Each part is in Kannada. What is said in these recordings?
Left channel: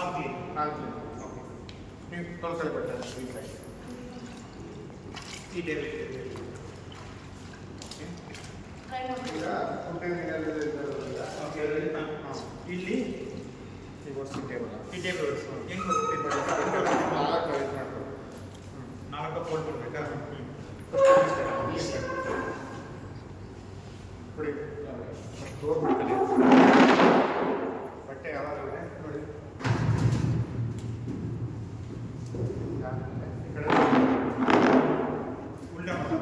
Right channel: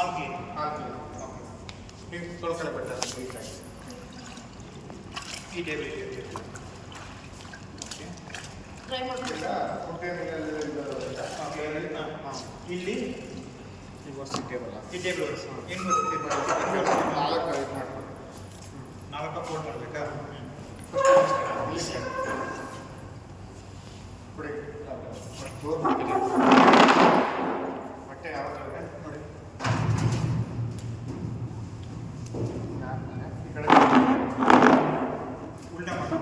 All clean. ನೀವು ತೊಳ್ಕೊಳ್ಳಿ ಬರ್ತಾರೆ ನೀಟಾಗಿ ಈ ಟೇಬಲ್ ಇದೆ. ಟ್ರೈ ಮಾಡ್ತೀವಿ. ಓಕೆ ಇಲ್ಲಿ ಈ ವರ್ಷ ಟೇಬಲ್ ಈ ಟೇಬಲ್ ವರ್ಸ್ ಏನು ಬರ್ತೀವಿ ನಾಲ್ಕು ಇದು ಮಾಡ್ಕೊಳ್ಳಿ. 4 ಫೋಲ್ಡ್ ಮಾಡಬೇಕಾ? ಕೊಡಿ ತೋರ್ಬಿಡ್ತೀನಿ ಬಟ್ಟೆ ಯಾವಾಗಲೇ ನೋಡಿ ಈ ಕಡೆ ಉಲ್ಟಾ ಮಾಡಿ.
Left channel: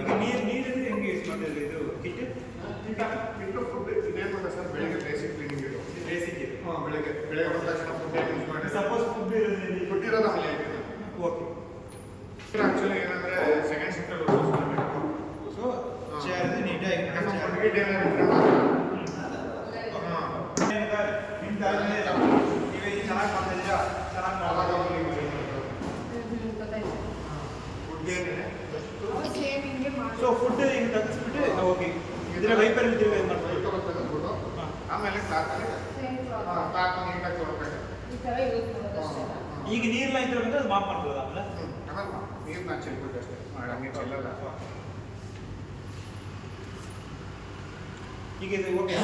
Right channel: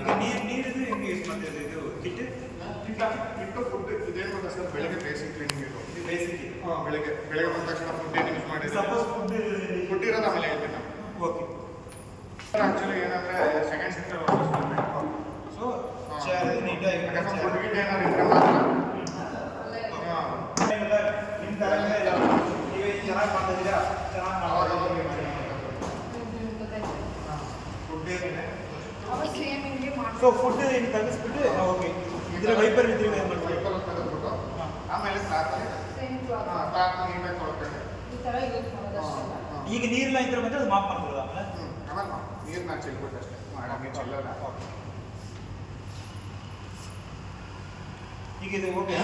ಈಗ ನೀರು ಹೆಂಗೆ ಯೂಸ್ ಮಾಡ್ತಿರೋದು? ಇದು ಹಿಟ್ಟು ಫುಡ್ ಇದೇನು ಗೊತ್ತಾ ಸರ್, ಬೆಳಿಗ್ಗೆ ಬೇಸಿಕ್ ಕ್ಲೀನಿಂಗ್ ಇದು ಬೇಸಿಕ್ ಇದೆ. ಬೆಳಿಗ್ಗೆ ಬಂದ ತಕ್ಷಣ ಫುಡ್ ಏನು ಯೂಸ್ ಮಾಡಿದ್ರೆ ಸಪೋಸ್ ಫುಡ್ ಇರೋದು ಆಮೇಲೆ ಹೇಳ್ತೀನಿ. ಓಕೆ. ಆ್ಯಕ್ಚುಲಿ ಏನಂದರೆ ಸೆಕೆಂಡ್ ಶಿಫ್ಟಲ್ಲಿ ಸೊ ಚೇರ್ ನೀಟಾಗಿ ಫುಡ್ ಗಿಟ್ ಏನಾದ್ರು ಇದ್ರೆ ಮಾತ್ರ ನಿಮ್ಮ ತಲೆಮೇಲೆ ಇದಾವೆ. ನೀವೇ ಚೆನ್ನಾಗಿ ಮಾಡ್ತಾ ಇದ್ದೀರಾ, ಚೆನ್ನಾಗಿ ಅವಾಗ ಮಾಡ್ತಾ ಗೊತ್ತಾಯ್ತು. ಫುಡ್ ಏನಿದೆ ಅವಾಗ ಸೇಮ್ ಹಿಂಗೆ ಮಾಡಿ. ಸೊ ಫುಡ್ ಏನು ತೆಗೆಸ್ಬಿಟ್ಟು ಓಕೆ ಇದ್ರೆ ವೈಪರ್ ಇದ್ದೀವಿ ಏನು ಮಾಡ್ತೀವಿ? ವೈಪರ್ ತೆಗೆದ್ಬಿಟ್ಟು ಆಮೇಲೆ ಕ್ಲಾತಲ್ಲಿ ಸೇಮ್ ಕ್ಲಾತ್. ಕ್ಲಾತ್ ನೀಟಾಗಿ ತೊಳ್ಕೊಂಡೆ. ಈ ಥರ ಯೂಸ್ ಮಾಡೋದು ಅಷ್ಟೇನಾ? ಈಗ ನೀರ್ನ ಇದ್ರೆ ಬಂದ್ರೆ ಅದು ಮಾಪ್ ಮಾಡ್ಕೊಳ್ಳೋದು ಆಮೇಲೆ. ಆಮೇಲೆ ನೀರನ್ನ ಚೆಲ್ಬಿಟ್ಟು ಅಷ್ಟೇ ಹಂಗೆ ಚೆಲ್ಲಲ್ಲ. ಈಗ ಇದು ಓಕೆ